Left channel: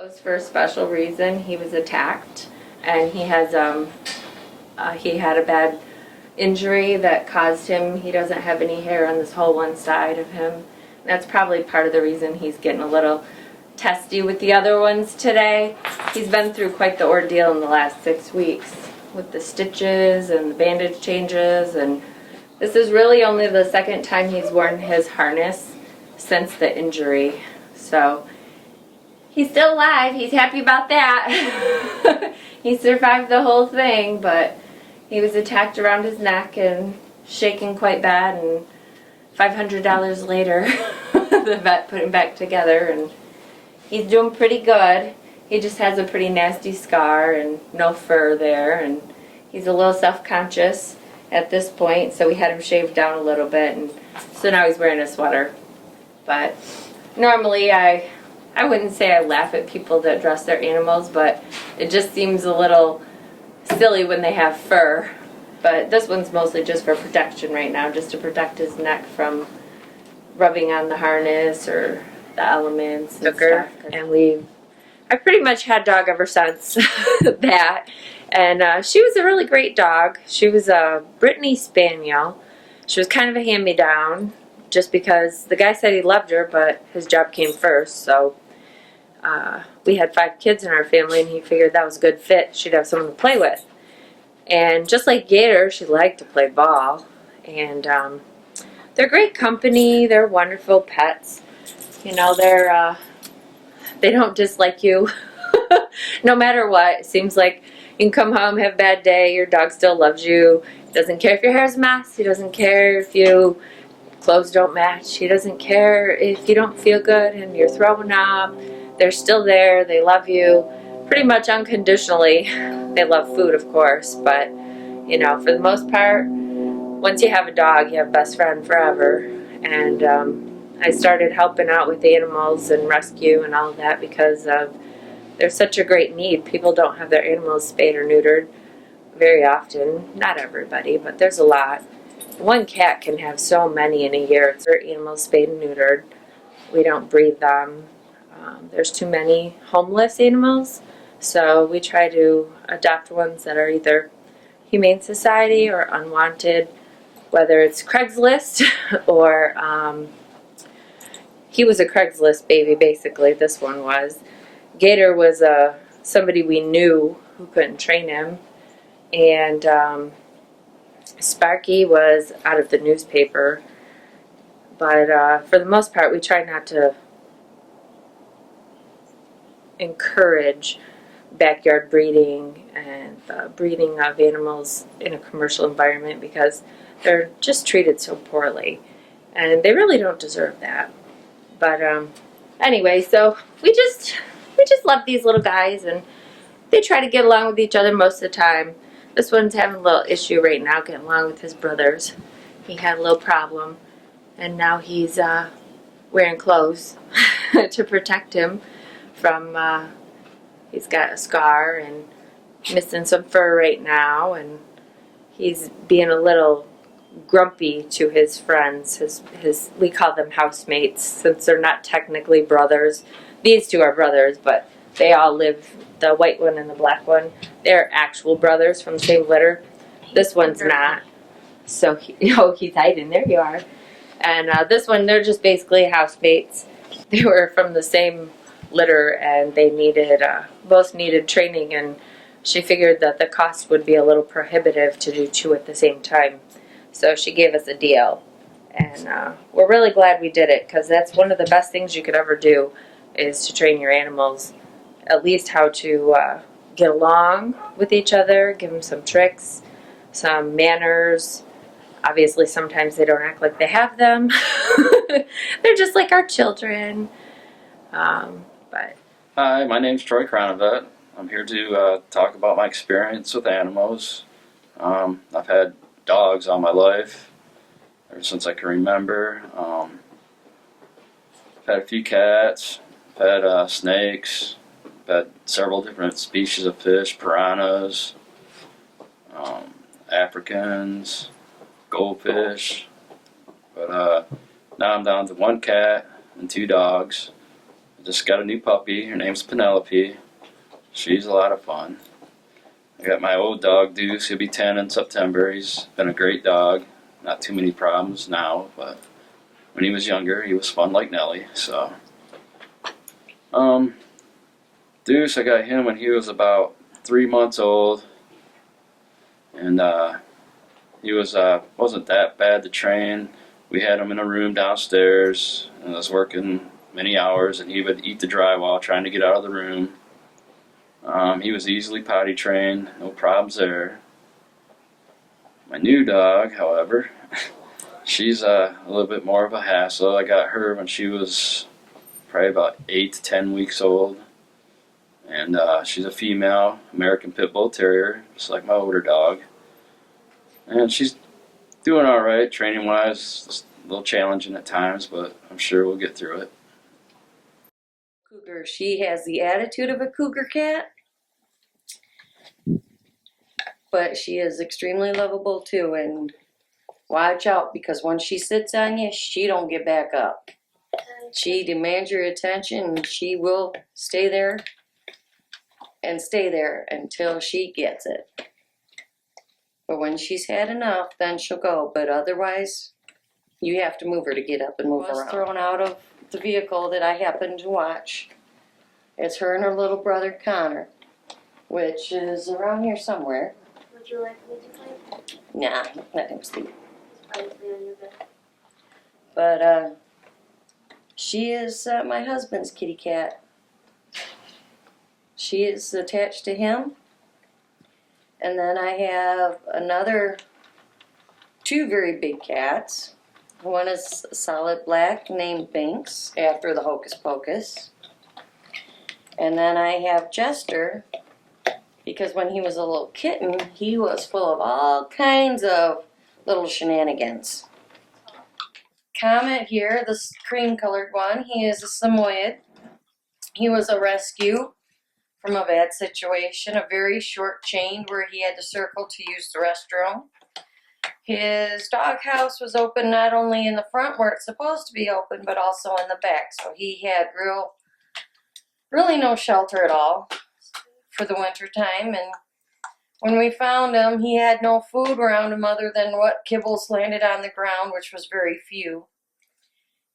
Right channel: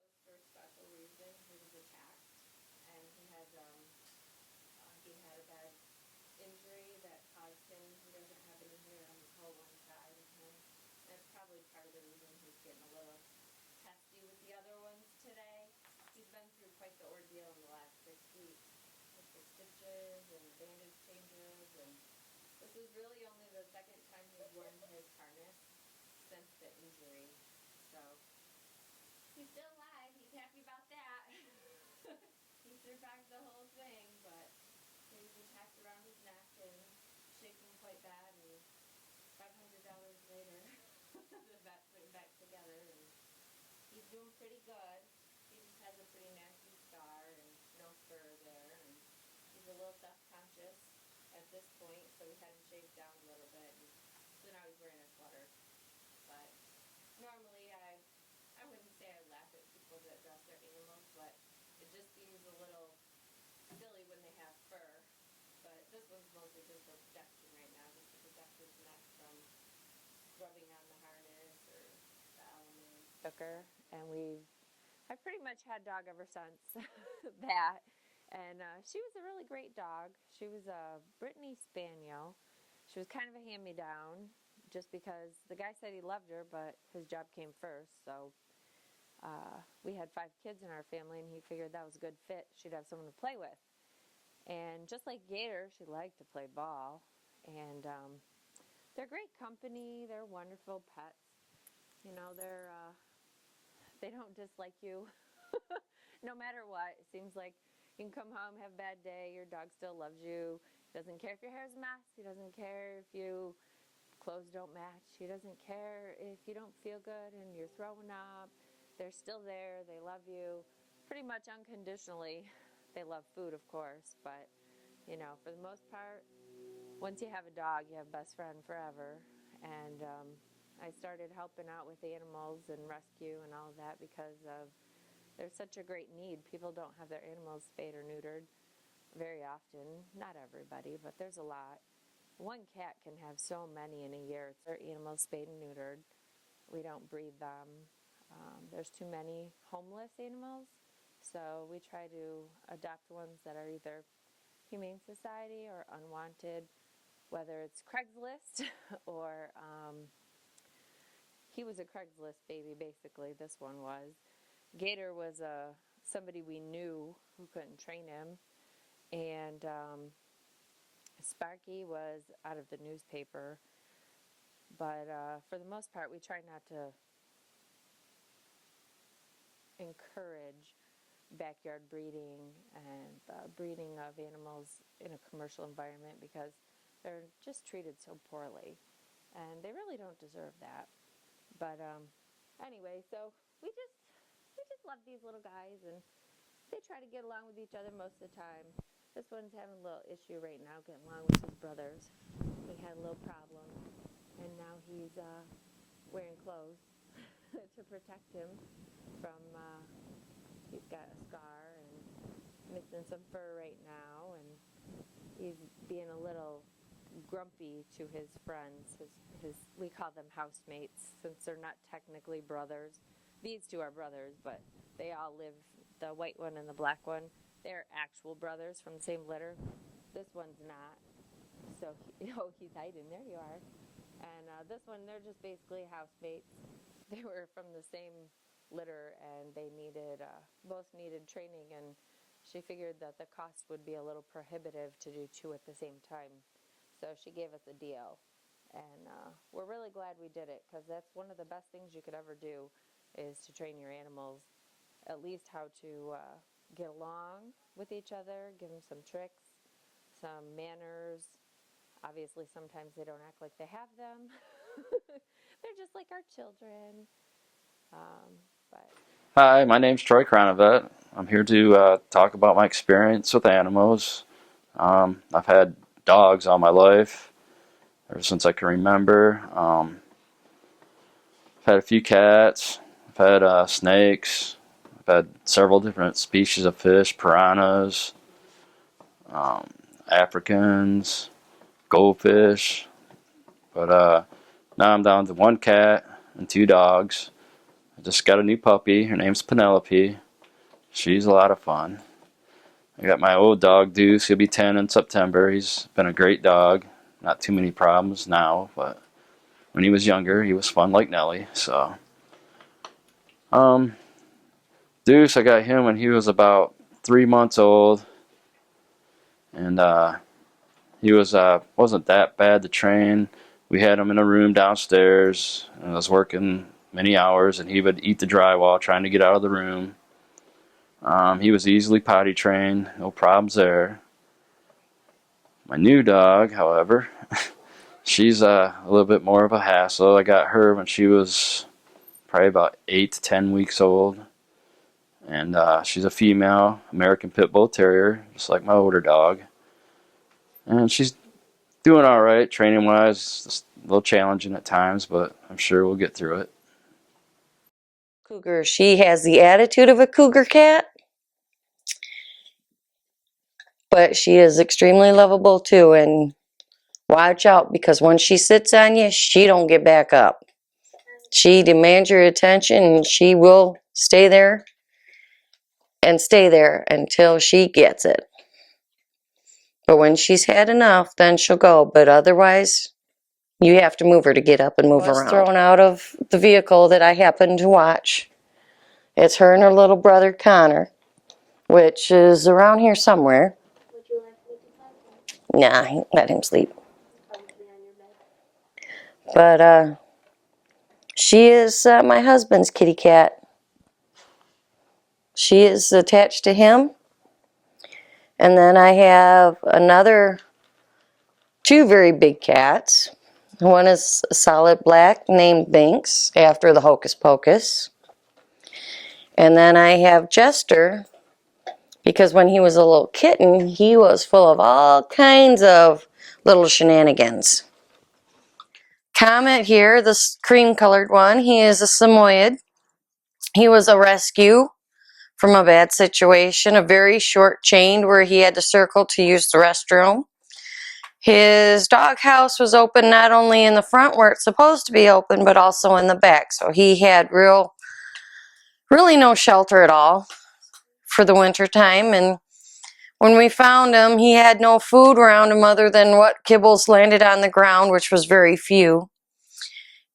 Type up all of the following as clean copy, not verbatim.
Close for a special reason. He was attacked, and he had a bad injury that caused him. He doesn't have any hair on this whole one side of him. That's probably part of the reason he's getting a little testy with the other ones today. He's been through quite the ordeal in the last 6 weeks with the stitches and the bandage changes, and this is really only the second time he's worn his harness since the injury. So he's still alive. He's happy about that. He survived the whole thing, but he was attacked around his neck and shaking quite bad, and $500 later, the vet put him back together, and he's doing pretty good. He just has a pretty nasty scar and no fur there, and he's a little self-conscious at this point, so we had him shaved down a little bit, and so now he's wearing a sweater. But normally I wouldn't say I laugh at people that dress their animals, but it just seems a little silly when they have fur. But this one's mostly just for protection right now, just to protect his neck from rubbing on the harness or the elements and stuff. And I've pretty much had dog ever since that. And she was a really great dog. She was a Brittany Spaniel. She was kind of a hand-me-down, just because the guy said he loved her, but his job came first. So we had 5 kids in our family, and he figured that was a good fit. She'd have someone to play with. And just like Gator, she liked to play ball. And they're great company. They're wonderful pets. You know, they don't dislike you no matter what. It seems like you can come home, have a bad day, your dog still loves you. He doesn't care if your hair's a mess. He doesn't care if your clothes don't match. He doesn't care if you don't feel good and you're throwing up. They're still there. They love you pretty much unconditionally. They love food, of course, but you know, for the most part, once you have a dog, you have a best friend forever. And I started helping out with animals and rescue and all of that because there's such a great need. People don't have their animals spayed or neutered very often. Not everybody, but there's a lot. One cat can have so many in a year. Their animals spayed and neutered. We don't breed them. There's too many homeless animals, so we try to adopt ones that are either Humane Society or unwanted, whether it's Craigslist or he was a Craigslist baby, basically. This one was. Gator was somebody we knew who couldn't train him, and Sparky was out of the newspaper. But for the most part, we try not to encourage backyard breeding and breeding of animals in a commercial environment because they're just treated so poorly, and they really don't deserve that. But anyway, so we just love these little guys, and they try to get along with each other most of the time. This one's having a little issue right now getting along with his brothers. He had a little problem, and now he's wearing clothes to protect him from he's got a scar and missing some fur right now, and he's being a little grumpy to his friends. His we call them housemates since they're not technically brothers. These two are brothers, but they all live, the white one and the black one, they're actual brothers from the same litter. This one's not. So he's hiding. There you are. And this one, they're just basically housemates. They were from the same litter, and they both needed training, and she figured that the cost would be a little prohibitive to do 2 at the same time. So she gave us a deal, and we're really glad we did it, because that's one of the best things you could ever do, is to train your animals, at least how to get along with each other, give them some tricks, some manners. Obviously, sometimes they don't act like they have them. They're just like our children. But Hi, my name's Troy Cronavet. I'm here to talk about my experience with animals. I've had dogs all my life, ever since I can remember. I've had a few cats. I've had snakes. I've had several different species of fish, piranhas, Africans, goldfish. But now I'm down to 1 cat and 2 dogs. I just got a new puppy. Her name's Penelope. She's a lot of fun. I got my old dog Deuce. He'll be 10 in September. He's been a great dog. Not too many problems now, but when he was younger, he was fun like Nelly. So, Deuce, I got him when he was about 3 months old, and he wasn't that bad to train. We had him in a room downstairs, and I was working many hours, and he would eat the drywall trying to get out of the room. He was easily potty trained, no problems there. My new dog, however, she's a little bit more of a hassle. I got her when she was probably about 8 to 10 weeks old. And she's a female American Pit Bull Terrier, just like my older dog. And she's doing all right training wise. It's a little challenging at times, but I'm sure we'll get through it. Cougar, she has the attitude of a cougar cat, but she is extremely lovable too. And watch out, because when she sits on you, she don't get back up. She demands your attention, and she will stay there until she gets it. But when she's had enough, then she'll go. But otherwise, you have to move her to get up and move around. Thrown out of the vehicle that I happened to watch. It's her and her little brother Connor, which is around here somewhere. Would you like me to play? Nah, let him sleep. Quietly on your bed. But she is my husband's kitty cat. She is attached to him. And then I have two very big cats. One is solid black named Binks, after the Hocus Pocus. And then I have Jester, because when he was a little kitten, he was full of all kinds of little shenanigans. Comet here, this cream-colored one, he is a Samoyed. He was a rescue from a bad situation, a very short chain where he had to circle to use the restroom. His doghouse was open not only in the front where it's supposed to be open, but also in the back. So he had really no shelter at all for the winter time. And when we found him, he had no food around him other than what kibbles landed on the ground, which was very few,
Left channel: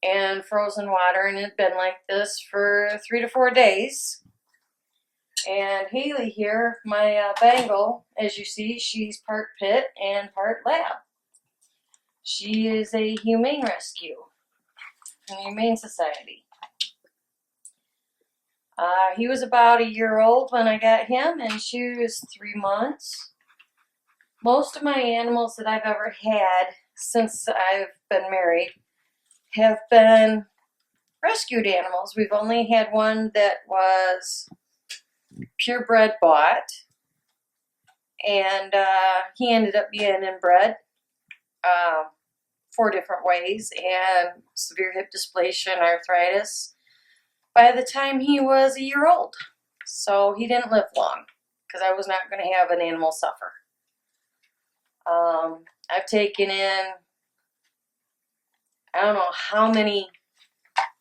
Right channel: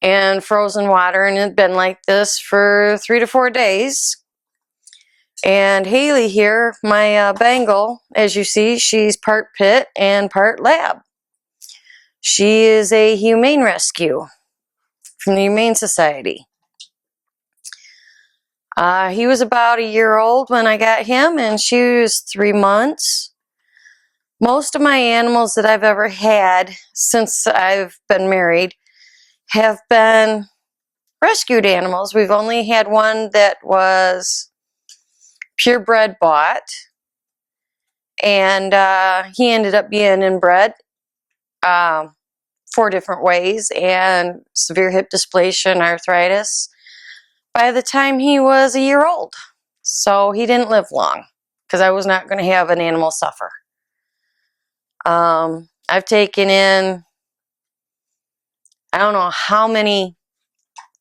and frozen water. And it had been like this for 3 to 4 days. And Haley here, my Bengal, as you see, she's part pit and part lab. She is a humane rescue from the Humane Society. He was about 1 year old when I got him, and she was 3 months. Most of my animals that I've ever had since I've been married have been rescued animals. We've only had one that was purebred bought, and he ended up being inbred 4 different ways, and severe hip dysplasia and arthritis by the time he was 1 year old. So he didn't live long, because I was not going to have an animal suffer. I've taken in, I don't know how many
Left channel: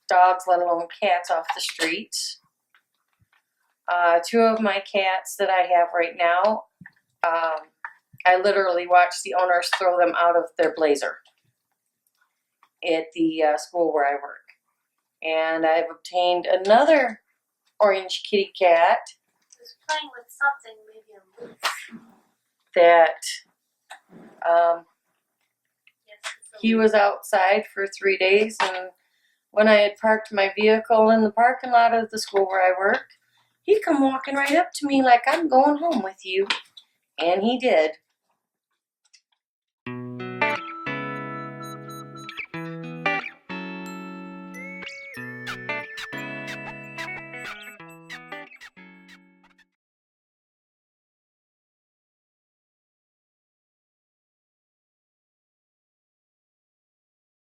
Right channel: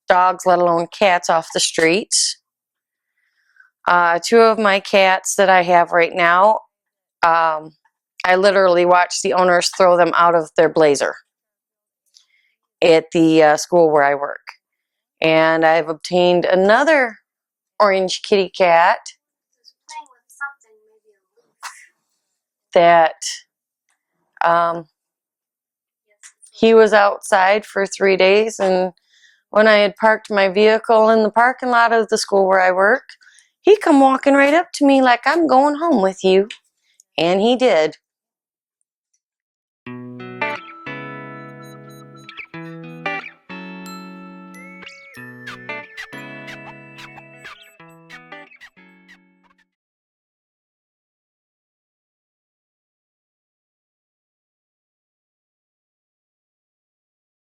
dogs, let alone cats, off the streets. 2 of my cats that I have right now, I literally watch the owners throw them out of their blazer at the school where I work. And I've obtained another orange kitty cat Just playing with something, maybe a moose. that Yes. he was outside for 3 days, and when I had parked my vehicle in the parking lot of the school where I work, he come walking right up to me like, I'm going home with you. And he did.